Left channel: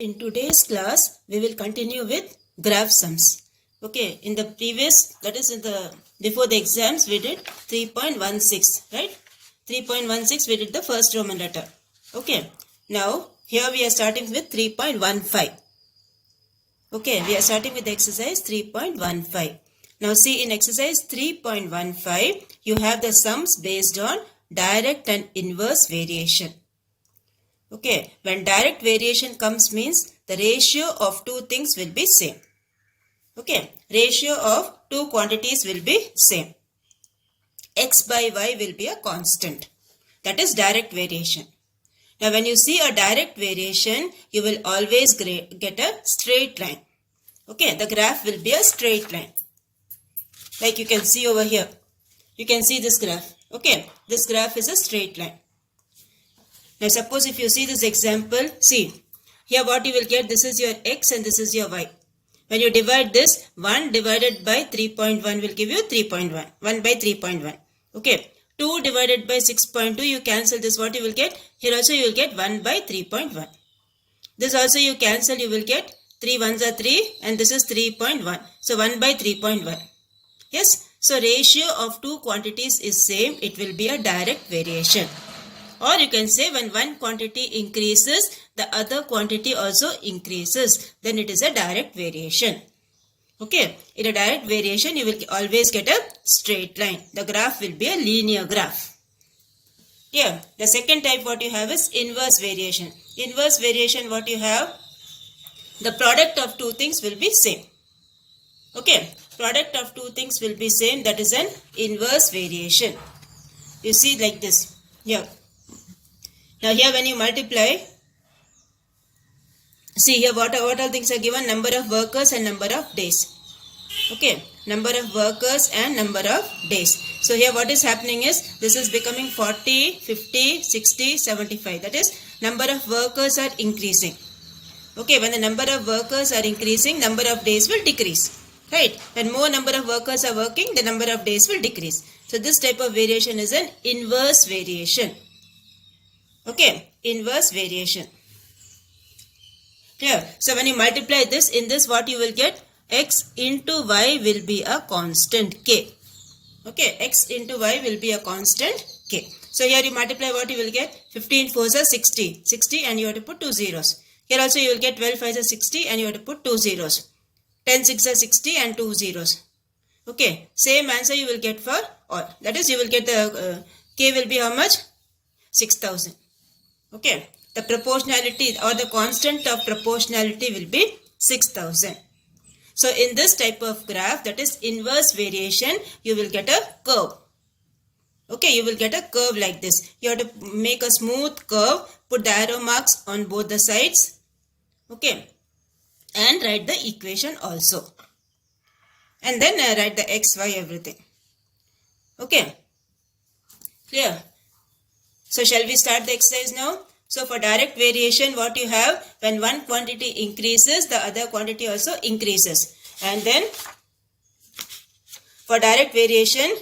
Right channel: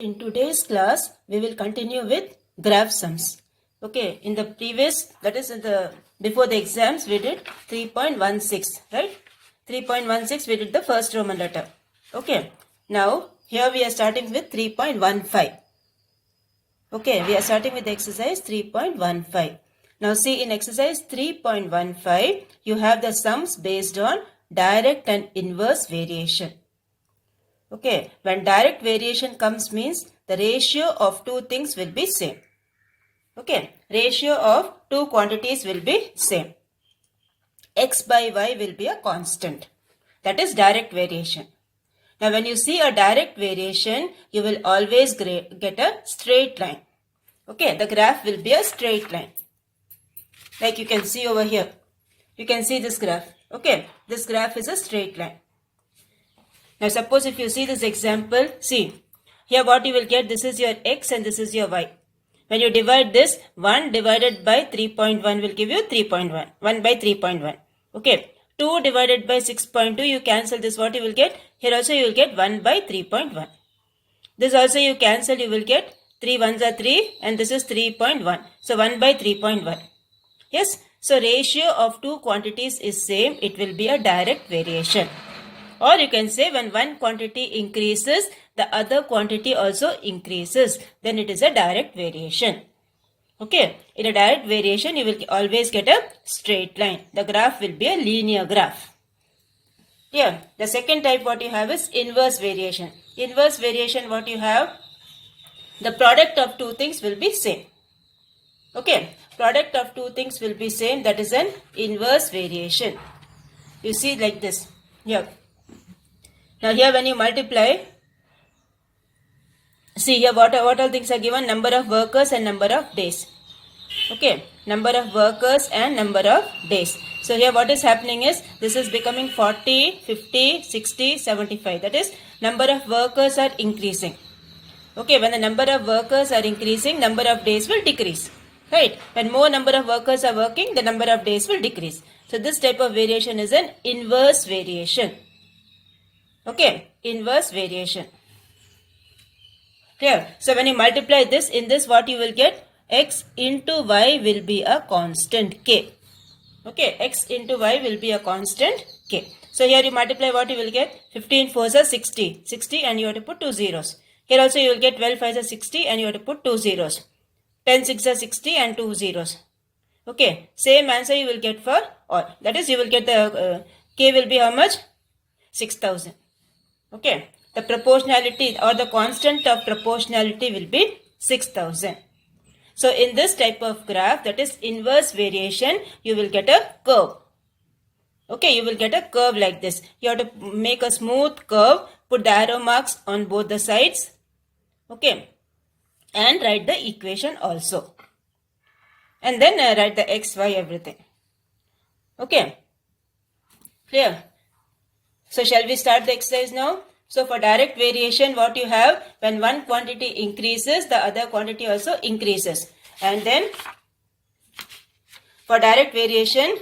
In today's class, we will continue with graph sums. Okay, in the previous, that is before the exams, we did 3.16, right? 3.16, we did the first Roman letter. Okay, now here we are starting with 3.15. Okay, we are starting with exercise 3.15. Now see, in exercise 3.15, you have the sums based on direct and inverse variation. Okay, when direct variation comes means the ratio of two things will be same. Okay, ratio of two quantities will be same. X by Y will be a constant. That is direct variation. Now when you see a direct variation, you will always get a straight line. Okay, the graph will be a straight line. Like you can see over here. You can see this graph. Okay, this graph is a straight line. Now suppose if you see this example, see, here what you will get, this is your x and this is your y. When you divide this, 1 divided by 3.1 will give you 3.1, 1 by 3.1. Okay, 2 divided by 6.2, you cancel this, what you will get? Here also you will get 1 by 3.1. This also you cancel, you will get 3 ones are 3 and this is 3.1. So 1 by 3.1. Yes, so ratio of two quantities is same, it will be a direct variation. Or you can say when one quantity increases, the other quantity also increases. Then it is a direct variation. Okay. In a direct variation, you will always get a straight line. The graph will be a linear graph. Here, the second type what you have is inverse variation. Inverse variation what you have, the product of two things will be same. Okay. Product of two things will be same. That is an inverse variation. You see like this. Here. Now here when you multiply, see here what all things are given, number of workers and number of days. Okay, number of workers and number of days. So here what is happening is, this is becoming 40, 50, 60, 75. That is, number of workers are increasing. Okay, when the number of workers are increasing, number of days will decrease. Right, when more number of workers are working, the number of days will decrease. So this type of variation is an inverse variation. Okay, inverse variation. Clear? So when you multiply this, in this what you will get? X into Y will be a constant K. Okay, X into Y will be a constant K. So here you multiply, what you will get? 15 4s are 60. 60 and you have to put 2 zeros. Here also you will get 12 5s are 60 and you have to put 2 zeros. 10 6 are 60 and 2 zeros. Okay, same answer you will get for all. That is, you will get the K will be how much? 6000. Okay, the proportionality or the constant of proportionality will be 6000. So in this type of graph, that is inverse variation, you will get a curve. Okay, you will get a curve like this. You have to make a smooth curve, put the arrow marks on both the sides. Okay, and write the equation also. And then write the x, y, everything. Okay, clear? So shall we start the exercise now? So for direct variation, what you have, when one quantity increases, the other quantity also increases. And then for direct variation,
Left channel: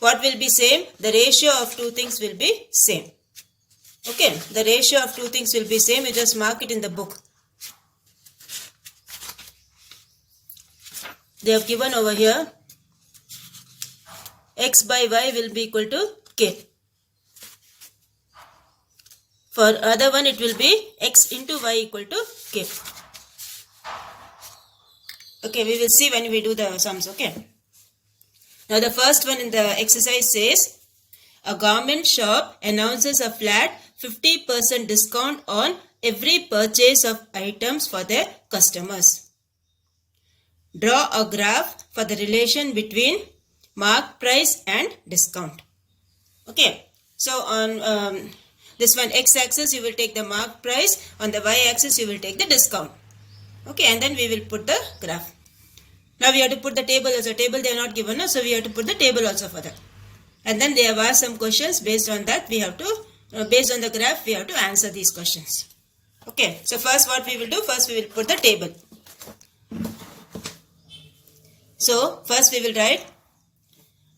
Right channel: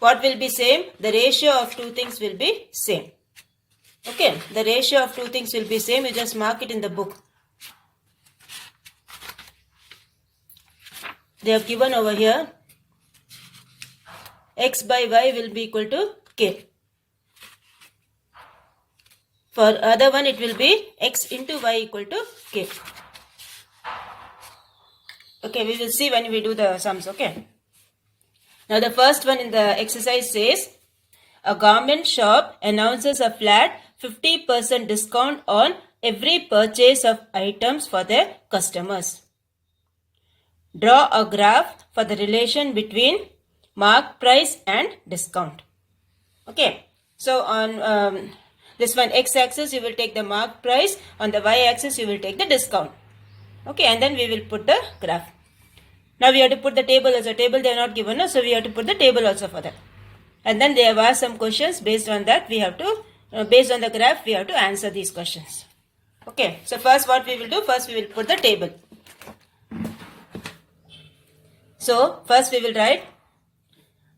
what will be same? The ratio of two things will be same. Okay, the ratio of two things will be same. You just mark it in the book. They have given over here, X by Y will be equal to K. For other one, it will be X into Y equal to K. Okay, we will see when we do the sums, okay. Now the first one in the exercise says, a garment shop announces a flat 50% discount on every purchase of items for their customers. Draw a graph for the relation between mark price and discount. Okay, so on this one x-axis you will take the mark price, on the y-axis you will take the discount. Okay, and then we will put the graph. Now we have to put the table also. Table they are not given, no? So we have to put the table also for that. And then they have asked some questions. Based on that we have to, based on the graph we have to answer these questions. Okay, so first what we will do, first we will put the table. So first we will write,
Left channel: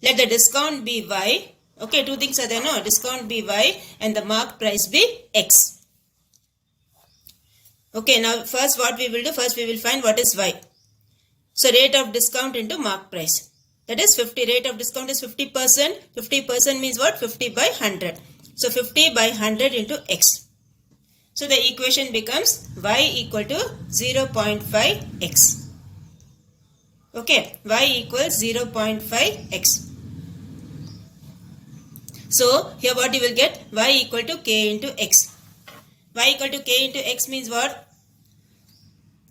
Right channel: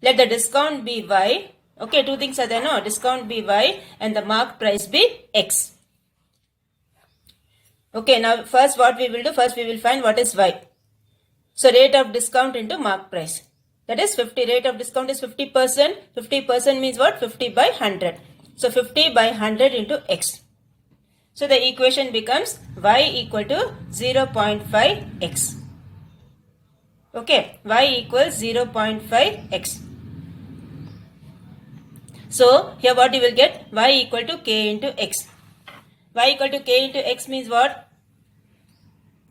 let the discount be y. Okay, two things are there, no? Discount be y and the mark price be x. Okay, now first what we will do, first we will find what is Y. So rate of discount into mark price. That is 50, rate of discount is 50%. 50% means what? 50 by 100. So 50 by 100 into X. So the equation becomes Y equal to 0.5X. Okay, Y equals 0.5X. So here what you will get? Y equal to K into X. Y equal to K into X means what?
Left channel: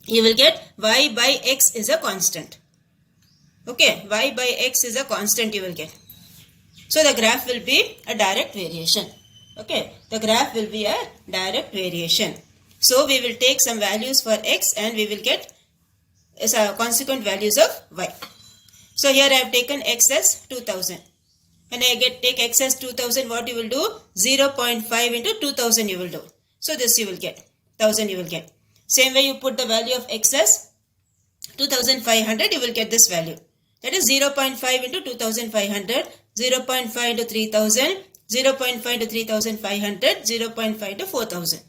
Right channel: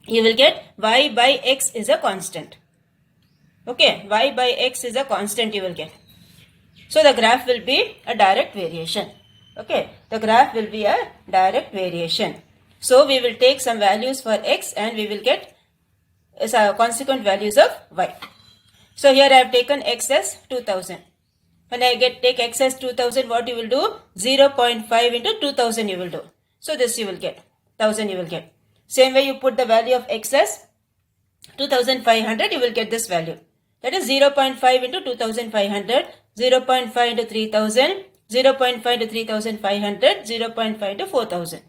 You will get Y by X is a constant. Okay, Y by X is a constant you will get. So the graph will be a direct variation. Okay, the graph will be a direct variation. So we will take some values for X and we will get consequent values of Y. So here I have taken X as 2000. When I take X as 2000, what you will do? 0.5 into 2000 you will do. So this you will get, 1000 you will get. Same way you put the value of X as 2500, you will get this value. That is 0.5 into 2500, 0.5 into 3000, 0.5 into 3500, 0.5 into 4000.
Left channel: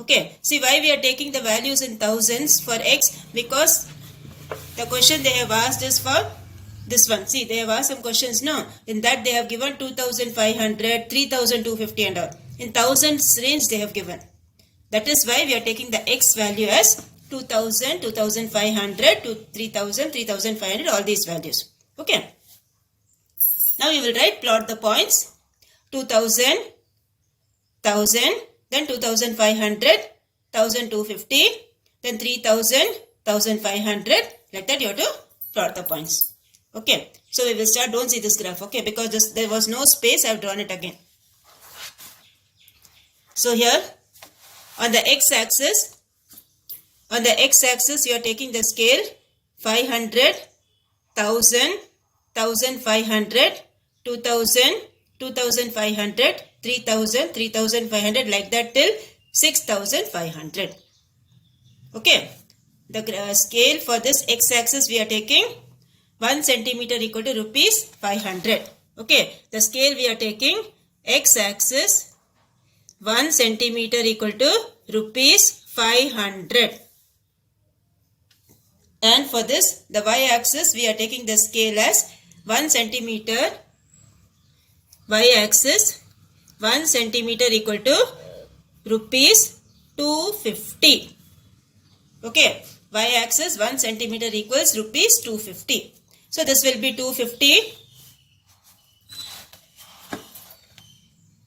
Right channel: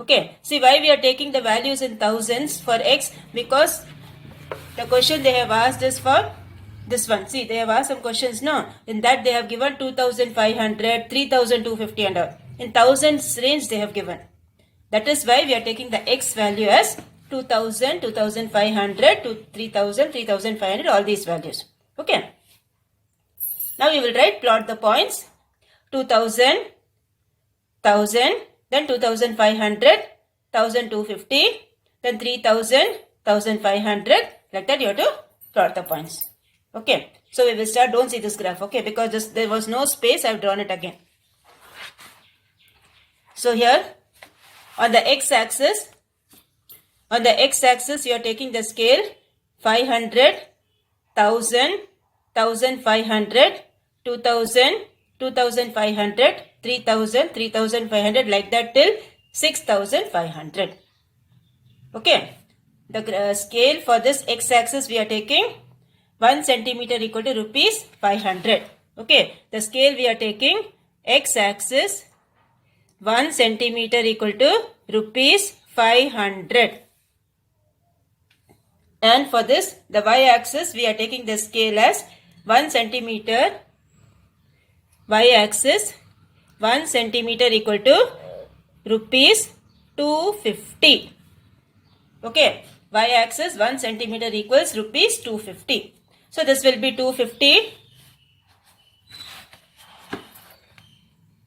Okay, see why we are taking the values in thousands for X? Because the question they have asked is for this one. See, they have asked some questions, no? In that they have given 2500, 3250 and all. In thousands range they have given. That is why we are taking the X value as 2000, 2500 to 3000, 3500, all these values. Okay. Now we will plot the points. 2000, 1000, then 2500, 1250, then 3000, 1500. Like that you have to plot the points. Okay. So we will start. Don't see this graph. Okay. Because there was no space. I have drawn it again. So here on the x-axis, you are taking the scale 500, 1000, 1500, 2000, 2500, 3000, 3500, like that till 6500. Okay. The scale for this x-axis we are taking 1 centimeter equal to rupees 500. Okay. The scale we are taking x-axis 1 centimeter equal to rupees 500. And for this, the y-axis, we are taking the scale as 1 centimeter, y-axis 1 centimeter equal to rupees 250. Okay, y-axis 1 centimeter equals rupees 250. So this will be 250.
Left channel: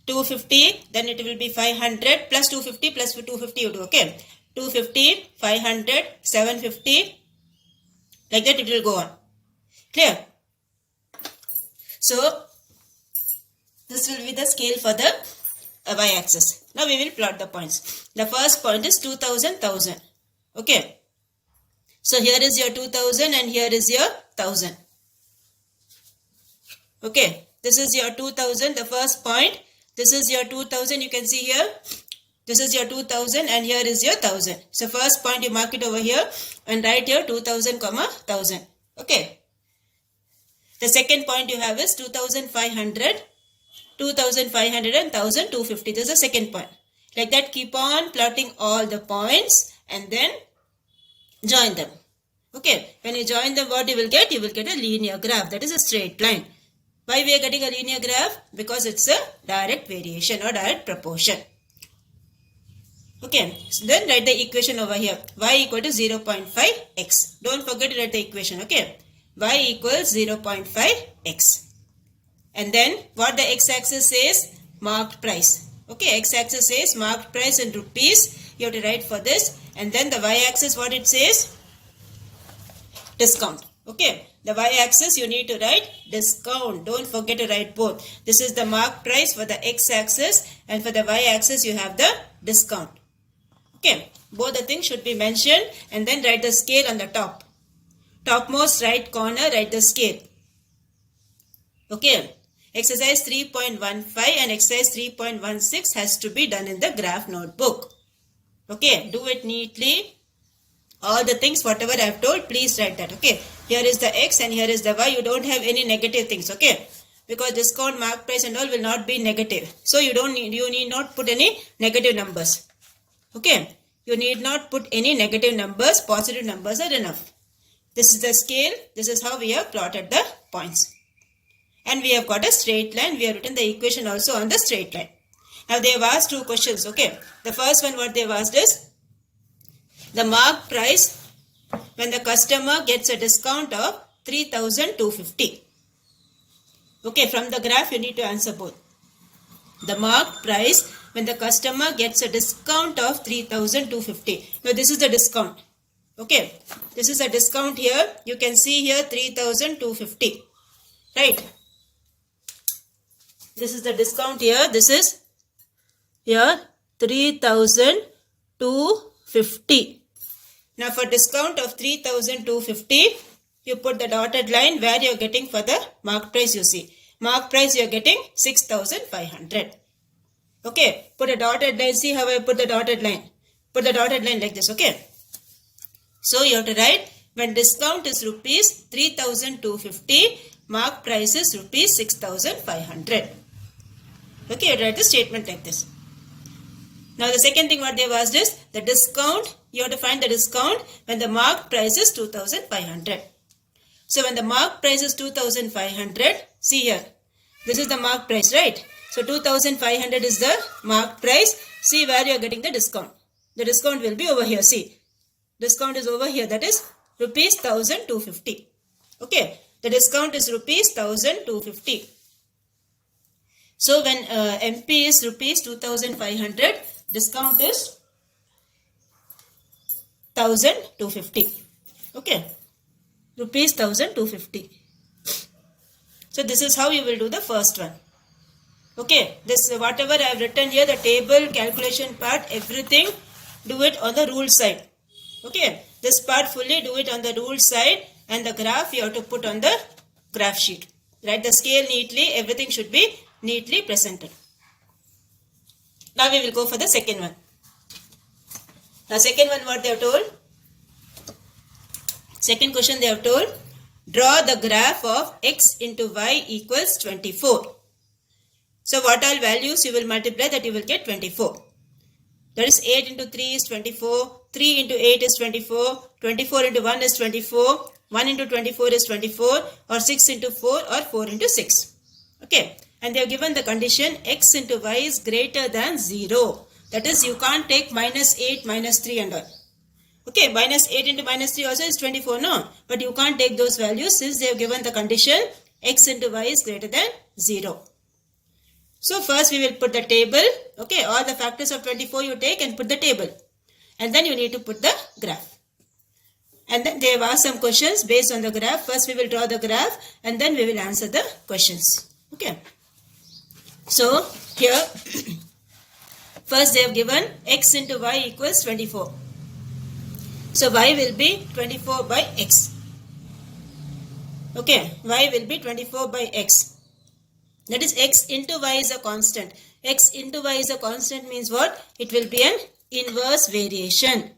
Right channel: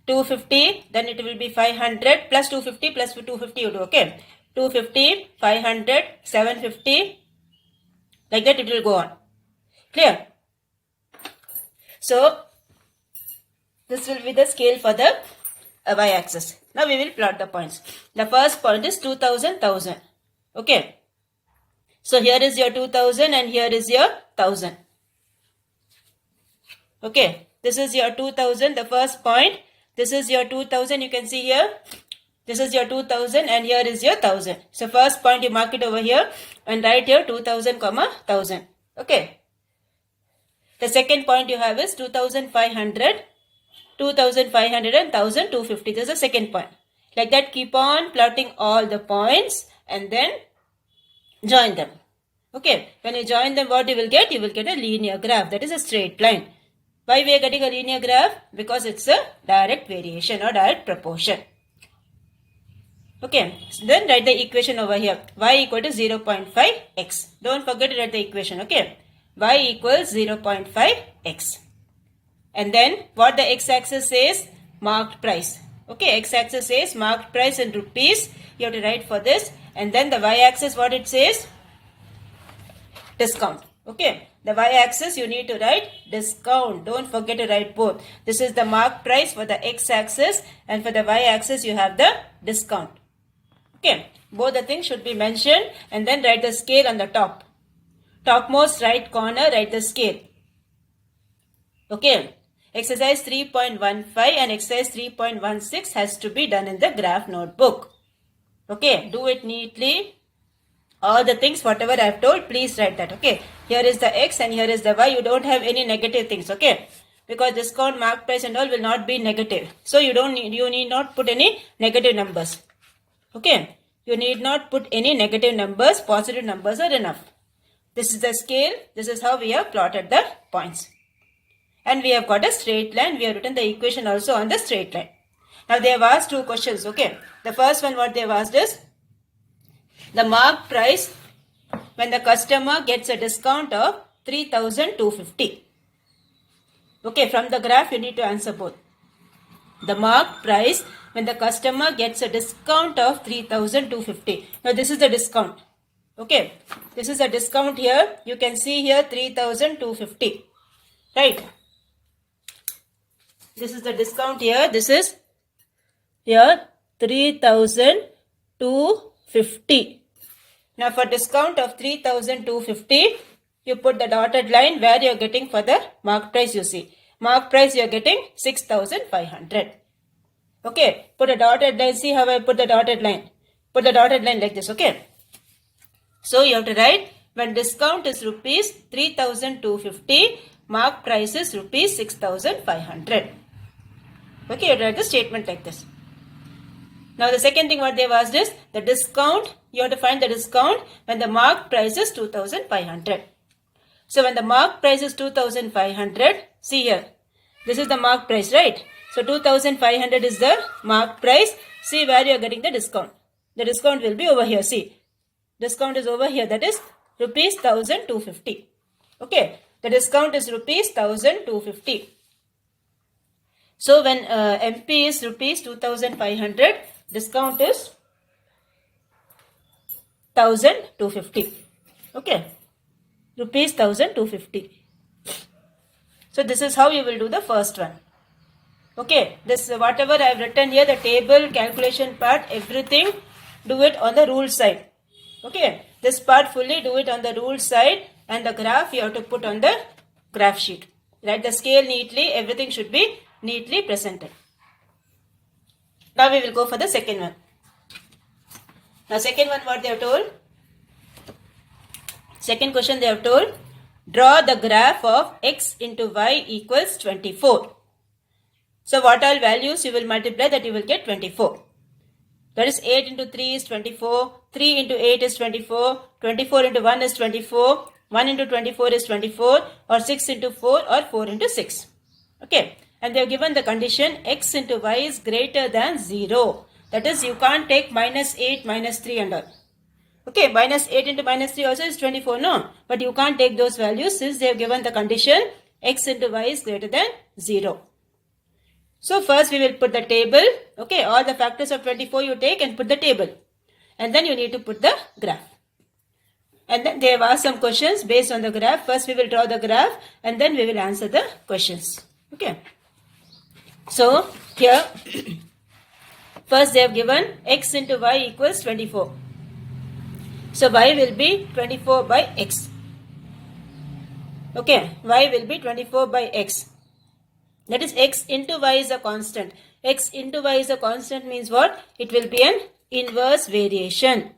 250, then it will be 500 plus 250 plus 250 you do, okay. 250, 500, 750, like that it will go on. Clear? So, this will be the scale for the y-axis. Now we will plot the points. The first point is 2000, 1000. Okay. So here is your 2000 and here is your 1000. Okay. This is your 2000, the first point. This is your 2000, you can see here. This is your 2000 and here is your 1000. So first point you mark it over here and write here 2000, 1000. Okay. The second point you have is 2500, 2500 and 1250. This is the second point. Like that keep on plotting all the points and then join them. Okay. When you join them, what you will get? You will get a linear graph. That is a straight line. Why we are getting a linear graph? Because it's a direct variation or direct proportion. Okay, so then write the equation over here. Y equal to 0.5x. Don't forget to write the equation, okay. Y equals 0.5x. And then what the x-axis says? Marked price. Okay, x-axis says marked price in rupees. You have to write for this. And then the y-axis, what it says? Discount. Okay, the y-axis you need to write discount. Don't forget to write both. This is the mark price for the x-axis and for the y-axis you have the discount. Okay, both the things should be mentioned and then write the scale on the top. Topmost right corner, write the scale. Okay, exercise 3.15 and exercise 3.16 has to be done in the graph notebook. Okay, do it neatly. All the things whatever I have told, please write that. Okay, here is the x and here is the y. You don't have any negative things. Okay, because discount, mark price and all will not be negative. So you need not put any negative numbers. Okay, You need not put any negative numbers, positive numbers are enough. This is the scale, this is how we have plotted the points. And we have got a straight line, we have written the equation also on the straight line. Now they have asked two questions, okay. The first one what they have asked is, the marked price when the customer gets a discount of 3,250. Okay, from the graph you need to answer both. The marked price when the customer gets a discount of 3,250. Now this is the discount. Okay, this is a discount here. You can see here 3,250. Right. This is the discount here. This is here 3,250. Now for discount of 3,250, you put the dotted line where you are getting for the marked price you see. Marked price you are getting 6,500. Okay, put a dotted line. See how I put the dotted line. Put the dotted line like this, okay. So you have to write when discount is rupees 3,250, marked price is rupees 6,500. Okay, you have to write the statement like this. Now the second thing what they have asked is the discount. You have to find the discount when the marked price is 2,500. So when the marked price is 2,500, see here. This is the marked price, right? So 2,500 is the marked price. See where you are getting the discount. The discount will be over here. See, discount is over here. That is rupees 1,250. Okay, the discount is rupees 1,250. So when MP is rupees 2,500, discount is 1,250. Okay, rupees 1,250. So this is how you will do the first one. Okay, this whatever I have written here, the table, calculation part, everything, do it on the rule side. Okay, this part fully do it on the rule side, and the graph you have to put on the graph sheet. Write the scale neatly, everything should be neatly presented. Now we will go for the second one. Now second one what they have told? Second question they have told, draw the graph of x into y equals 24. So what all values you will multiply, that you will get 24. That is 8 into 3 is 24, 3 into 8 is 24, 24 into 1 is 24, 1 into 24 is 24, or 6 into 4 or 4 into 6. Okay, and they have given the condition x into y is greater than 0. That is, you can't take minus 8, minus 3 and all. Okay, minus 8 into minus 3 also is 24, no? But you can't take those values since they have given the condition x into y is greater than 0. So first we will put the table. Okay, all the factors of 24 you take and put the table. And then you need to put the graph. And then they have asked some questions based on the graph. First we will draw the graph and then we will answer the questions. Okay. So here, first they have given x into y equals 24. So y will be 24 by x. Okay, y will be 24 by x. That is x into y is a constant. X into y is a constant means what? It will be an inverse variation.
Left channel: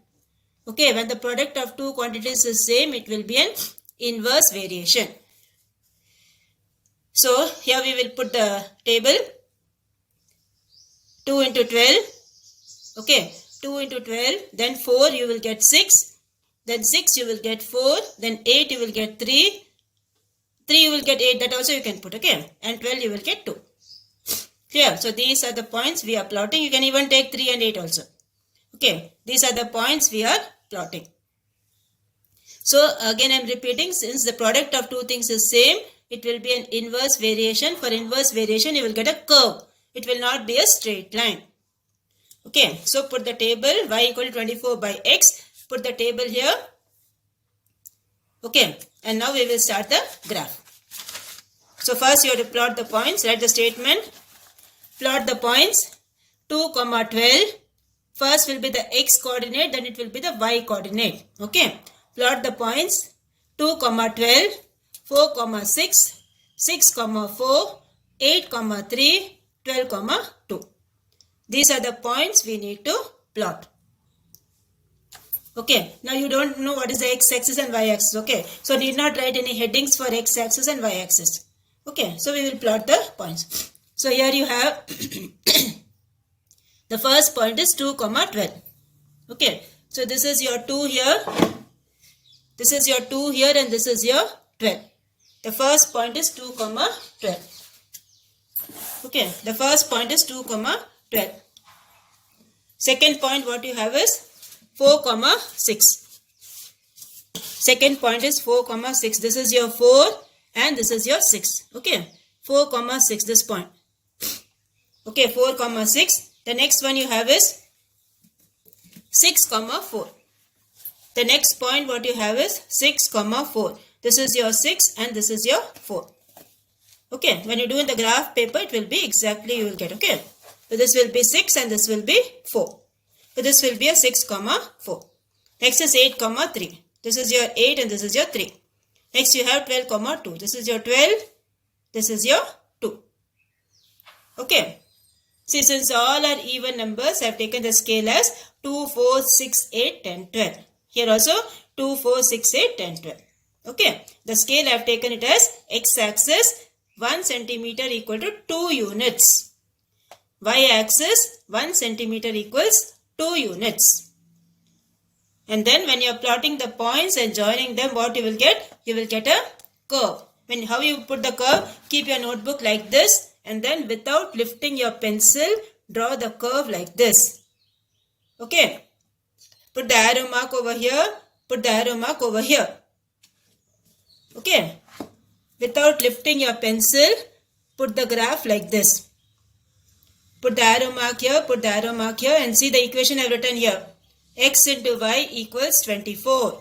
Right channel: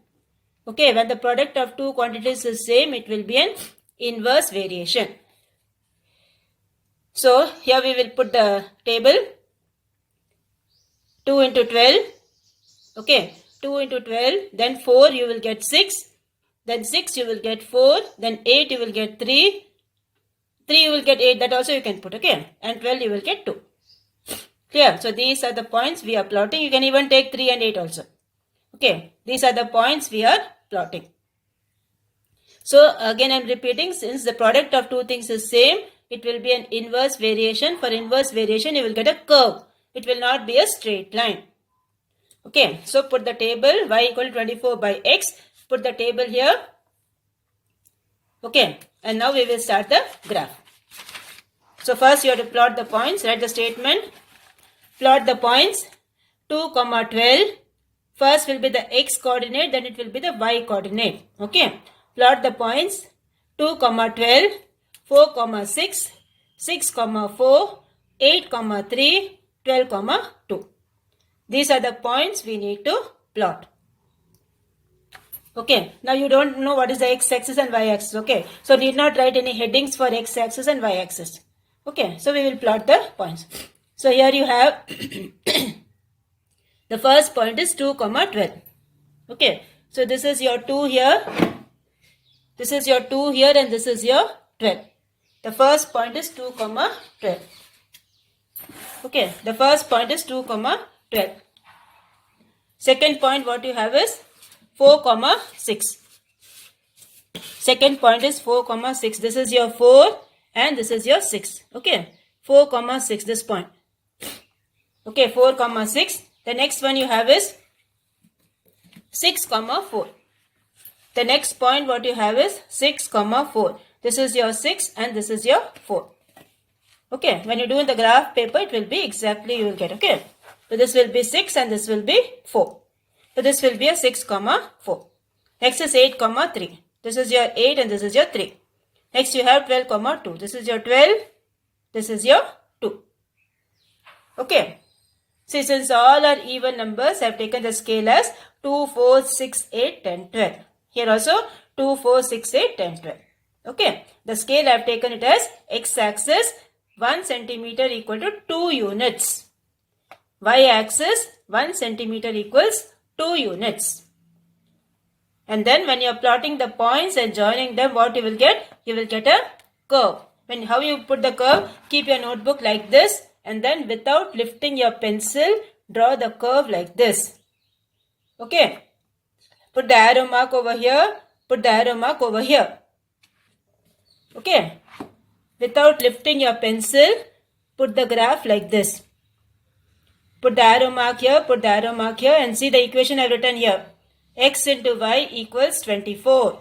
Okay, when the product of two quantities is same, it will be an inverse variation. So here we will put the table. 2 into 12. Okay, 2 into 12. Then 4 you will get 6. Then 6 you will get 4. Then 8 you will get 3. 3 you will get 8, that also you can put, okay. And 12 you will get 2. Clear? So these are the points we are plotting. You can even take 3 and 8 also. Okay, these are the points we are plotting. So again I am repeating, since the product of two things is same, it will be an inverse variation. For inverse variation you will get a curve. It will not be a straight line. Okay, so put the table y equal to 24 by x. Put the table here. Okay, and now we will start the graph. So first you have to plot the points. Write the statement. Plot the points. 2, 12. First will be the x coordinate, then it will be the y coordinate. Okay. Plot the points. 2, 12. 4, 6. 6, 4. 8, 3. 12, 2. These are the points we need to plot. Okay, now you don't know what is the x-axis and y-axis. Okay, so need not write any headings for x-axis and y-axis. Okay, so we will plot the points. So here you have the first point is 2, 12. Okay, so this is your 2 here, this is your 2 here, and this is your 12. The first point is 2 comma 12. Okay, the first point is 2 comma 12. Second point what you have is 4 comma 6. Second point is 4 comma 6. This is your 4 and this is your 6. Okay, 4 comma 6, this point. Okay, 4 comma 6. The next one you have is 6 comma 4. The next point what you have is 6 comma 4. This is your 6 and this is your 4. Okay, when you do in the graph paper, it will be exactly you will get. Okay, so this will be 6 and this will be 4. So this will be a 6 comma 4. Next is 8 comma 3. This is your 8 and this is your 3. Next you have 12 comma 2. This is your 12. This is your 2. Okay. See, since all are even numbers, I have taken the scale as 2, 4, 6, 8, 10, 12. Here also 2, 4, 6, 8, 10, 12. Okay. The scale I have taken it as x-axis 1 centimeter equal to 2 units. Y-axis 1 centimeter equals 2 units. And then when you are plotting the points and joining them, what you will get? You will get a curve. How you put the curve? Keep your notebook like this and then without lifting your pencil, draw the curve like this. Okay. Put the arrow mark over here. Put the arrow mark over here. Okay. Without lifting your pencil, put the graph like this. Put the arrow mark here. Put the arrow mark here and see the equation I have written here. X into y equals 24.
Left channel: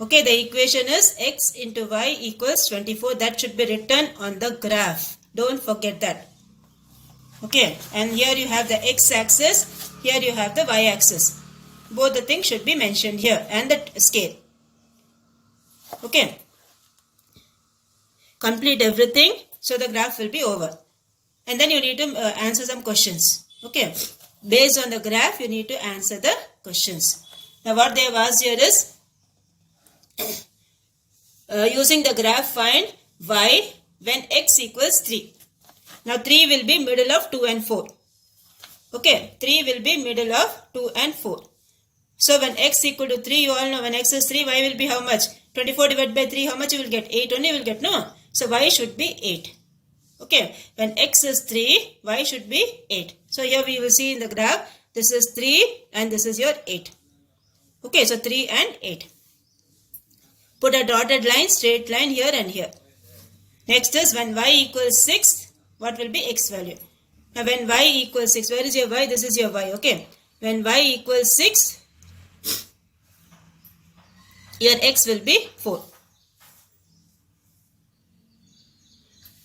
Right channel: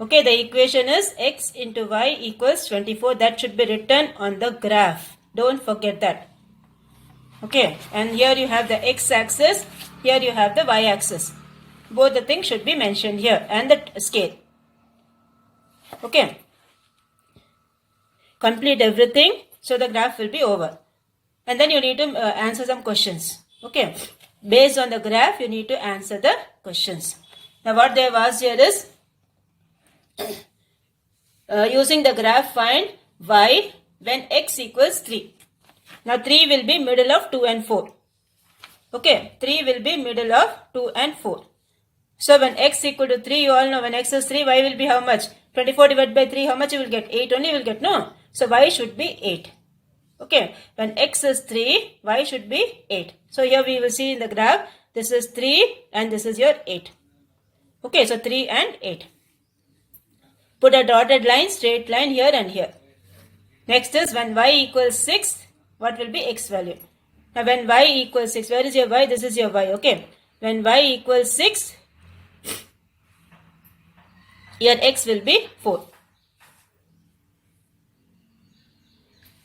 Okay, the equation is x into y equals 24. That should be written on the graph. Don't forget that. Okay, and here you have the x-axis. Here you have the y-axis. Both the things should be mentioned here and the scale. Okay. Complete everything. So the graph will be over. And then you need to answer some questions. Okay. Based on the graph, you need to answer the questions. Now what they have asked here is, using the graph find y when x equals 3. Now 3 will be middle of 2 and 4. Okay, 3 will be middle of 2 and 4. So when x equal to 3, you all know when x is 3, y will be how much? 24 divided by 3, how much you will get? 8 only you will get, no? So y should be 8. Okay, when x is 3, y should be 8. So here we will see in the graph, this is 3 and this is your 8. Okay, so 3 and 8. Put a dotted line, straight line here and here. Next is when y equals 6, what will be x value? Now when y equals 6, where is your y? This is your y, okay. When y equals 6, your x will be 4.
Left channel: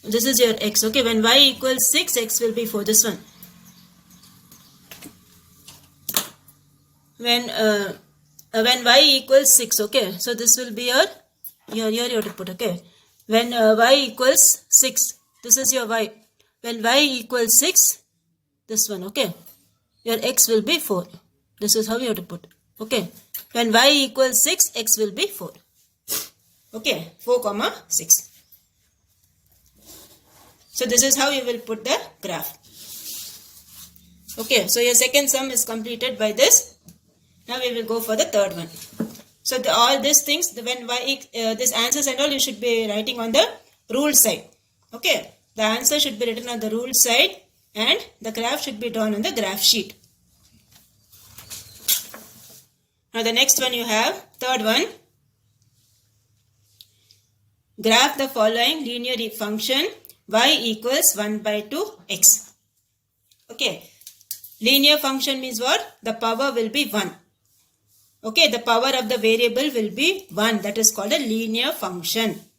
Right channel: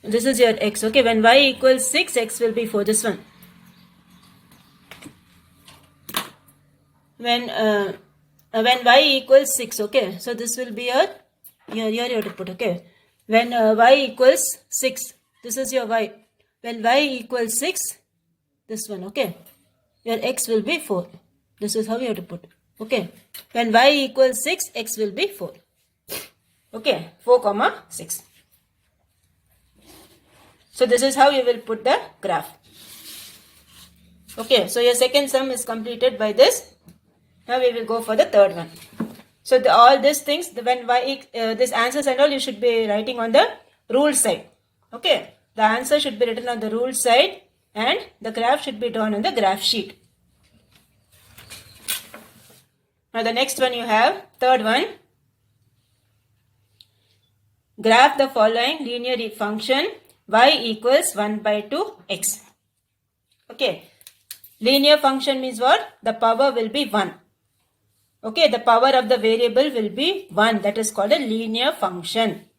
This is your x, okay. When y equals 6, x will be 4. This one. When y equals 6, okay. So this will be your, here you have to put, okay. When y equals 6, this is your y. When y equals 6, this one, okay. Your x will be 4. This is how you have to put, okay. When y equals 6, x will be 4. Okay, 4 comma 6. So this is how you will put the graph. Okay, so your second sum is completed by this. Now we will go for the third one. So all these things, when y, this answers and all you should be writing on the rule side. Okay, the answer should be written on the rule side and the graph should be drawn on the graph sheet. Now the next one you have, third one. Graph the following linear function y equals 1 by 2x. Okay. Linear function means what? The power will be 1. Okay. The power of the variable will be 1. That is called a linear function.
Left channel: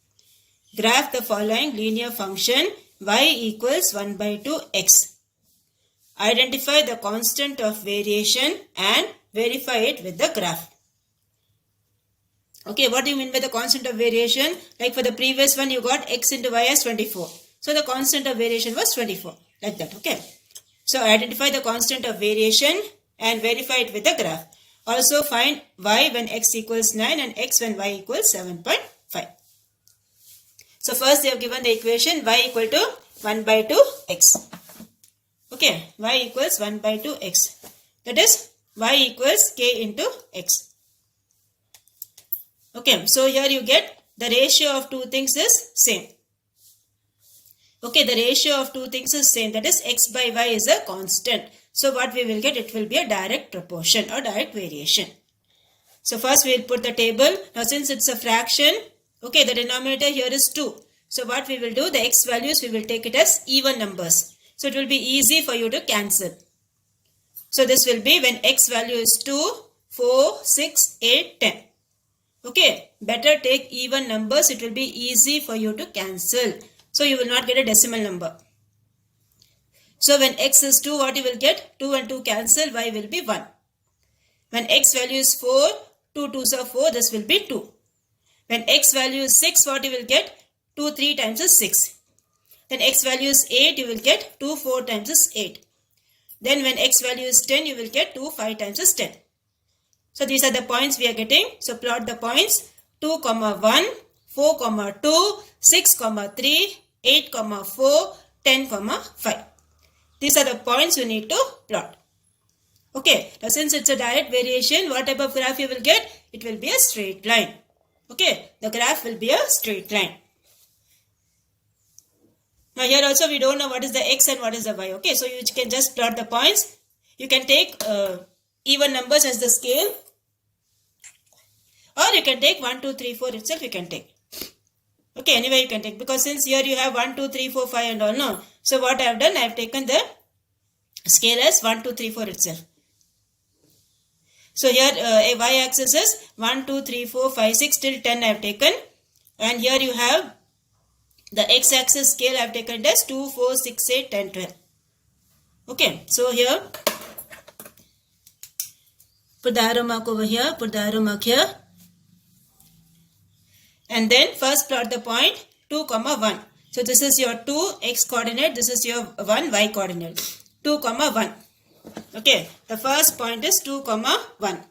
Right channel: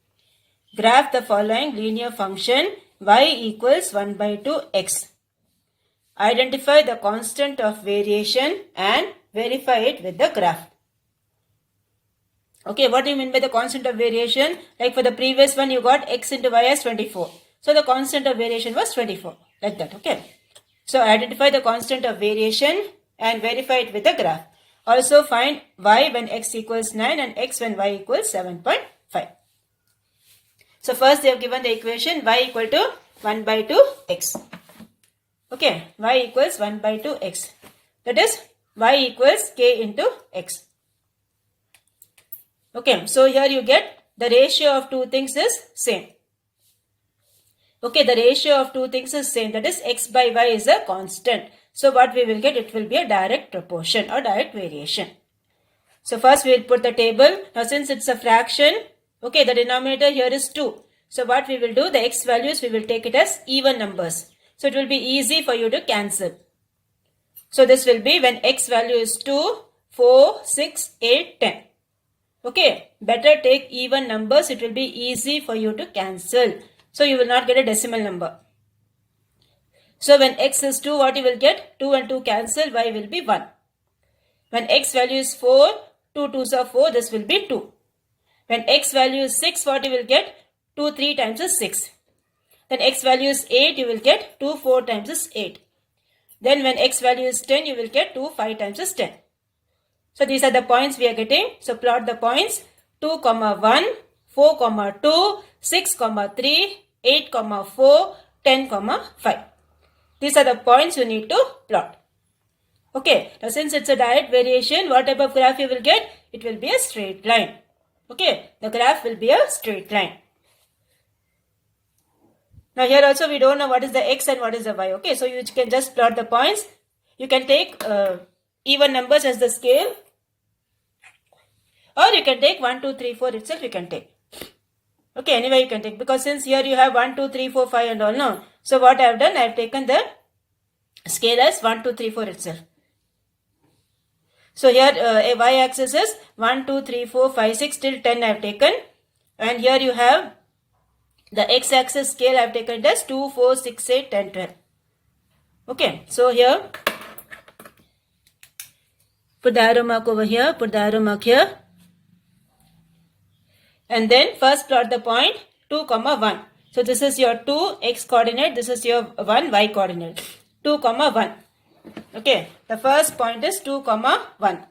Graph the following linear function y equals 1 by 2x. Identify the constant of variation and verify it with the graph. Okay. What do you mean by the constant of variation? Like for the previous one you got x into y as 24. So the constant of variation was 24. Like that. Okay. So identify the constant of variation and verify it with the graph. Also find y when x equals 9 and x when y equals 7.5. So first they have given the equation y equal to 1 by 2x. Okay. Y equals 1 by 2x. That is y equals k into x. Okay, so here you get the ratio of two things is same. Okay, the ratio of two things is same, that is x by y is a constant. So what we will get, it will be a direct proportion or direct variation. So first we will put the table. Now since it's a fraction, okay, the denominator here is 2. So what we will do, the x values we will take it as even numbers. So it will be easy for you to cancel. So this will be when x value is 2, 4, 6, 8, 10. Okay, better take even numbers, it will be easy for you to cancel. So you will not get a decimal number. So when x is 2, what you will get? 2 and 2 cancel, y will be 1. When x value is 4, 2 2s are 4, this will be 2. When x value is 6, what you will get? 2 3 times is 6. Then x value is 8, you will get 2 4 times is 8. Then when x value is 10, you will get 2 5 times is 10. So these are the points we are getting. So plot the points 2, 1, 4, 2, 6, 3, 8, 4, 10, 5. These are the points you need to plot. Okay, now since it's a direct variation, what type of graph you will get? It will be a straight line. Okay, the graph will be a straight line. Now here also we don't know what is the x and what is the y. Okay, so you can just plot the points. You can take even numbers as the scale, or you can take 1, 2, 3, 4 itself you can take. Okay, anyway you can take, because since here you have 1, 2, 3, 4, 5 and all, no. So what I have done, I have taken the scale as 1, 2, 3, 4 itself. So here a y-axis is 1, 2, 3, 4, 5, 6 till 10 I have taken. And here you have the x-axis scale I have taken it as 2, 4, 6, 8, 10, 12. Okay, so here put the arrow mark over here, put the arrow mark here. And then first plot the point 2, 1. So this is your 2 x coordinate, this is your 1 y coordinate. 2, 1. Okay, the first point is 2, 1.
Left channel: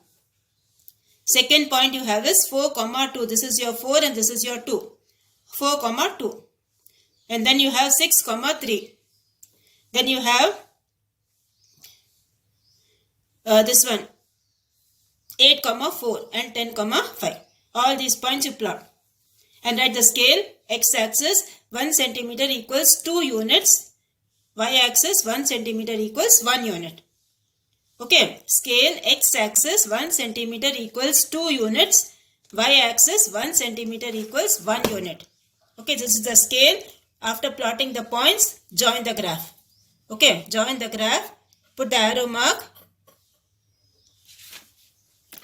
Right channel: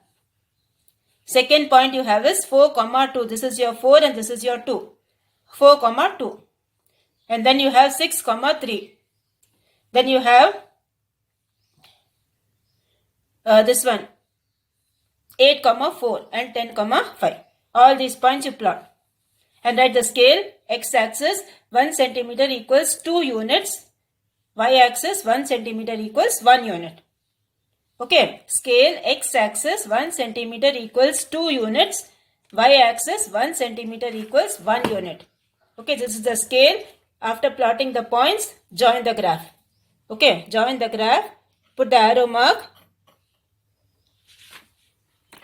Second point you have is 4, 2. This is your 4 and this is your 2. 4, 2. And then you have 6, 3. Then you have this one 8, 4 and 10, 5. All these points you plot. And write the scale, x-axis 1 centimeter equals 2 units, y-axis 1 centimeter equals 1 unit. Okay, scale x-axis 1 centimeter equals 2 units, y-axis 1 centimeter equals 1 unit. Okay, this is the scale. After plotting the points, join the graph. Okay, join the graph, put the arrow mark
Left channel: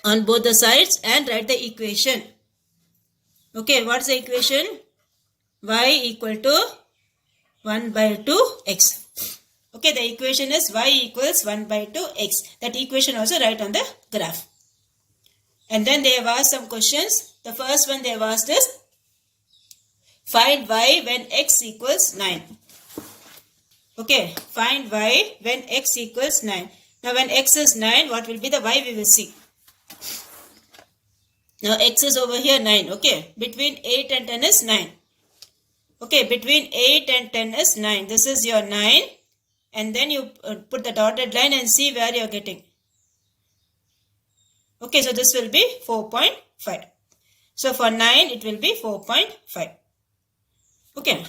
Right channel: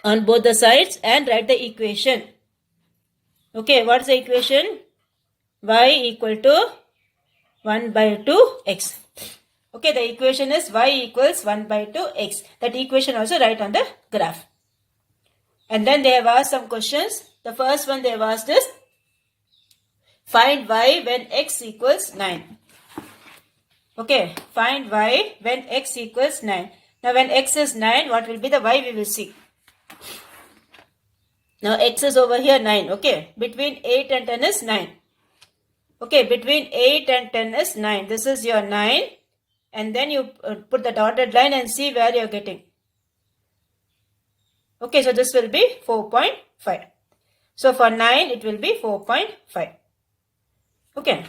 on both the sides and write the equation. Okay, what's the equation? Y equal to 1 by 2x. Okay, the equation is y equals 1 by 2x. That equation also write on the graph. And then they have asked some questions. The first one they have asked is, find y when x equals 9. Okay, find y when x equals 9. Now when x is 9, what will be the y we will see. Now x is over here 9. Okay, between 8 and 10 is 9. Okay, between 8 and 10 is 9. This is your 9. And then you put the dotted line and see where you are getting. Okay, so this will be 4.5. So for 9, it will be 4.5. Okay.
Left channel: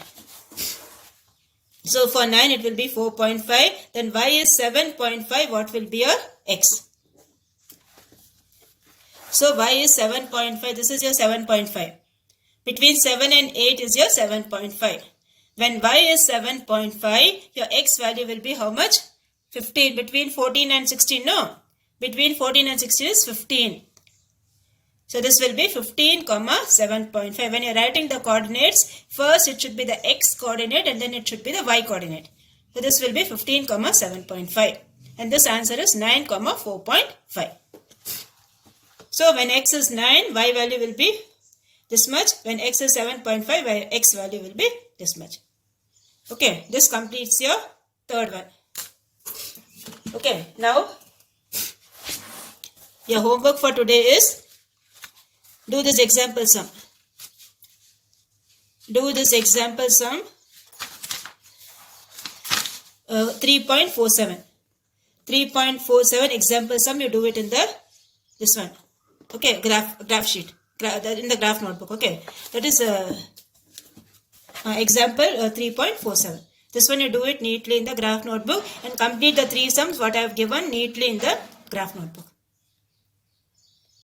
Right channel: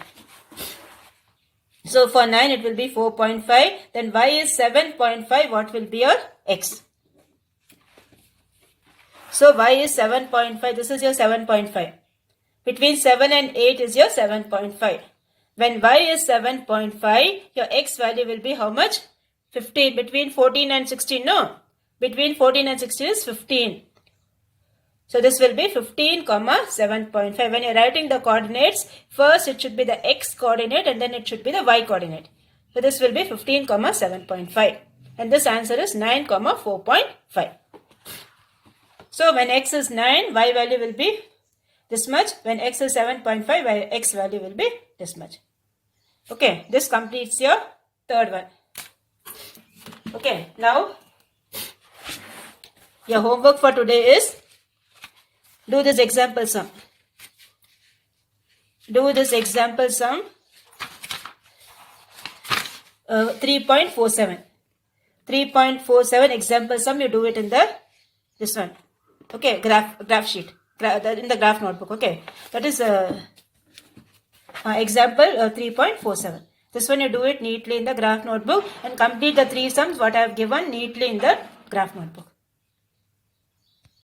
So for 9, it will be 4.5. Then y is 7.5. What will be your x? So y is 7.5. This is your 7.5. Between 7 and 8 is your 7.5. When y is 7.5, your x value will be how much? 15. Between 14 and 16, no. Between 14 and 16 is 15. So this will be 15, 7.5. When you're writing the coordinates, first it should be the x coordinate and then it should be the y coordinate. So this will be 15, 7.5. And this answer is 9, 4.5. So when x is 9, y value will be this much. When x is 7.5, x value will be this much. Okay, this completes your third one. Okay, now your homework for today is do this example sum. Do this example sum 3.47. 3.47 example sum, you do it in the this one. Okay, graph sheet, in the graph notebook. Okay, that is example 3.47. This one you do it neatly in the graph notebook and complete the 3 sums what I have given neatly in the graph notebook.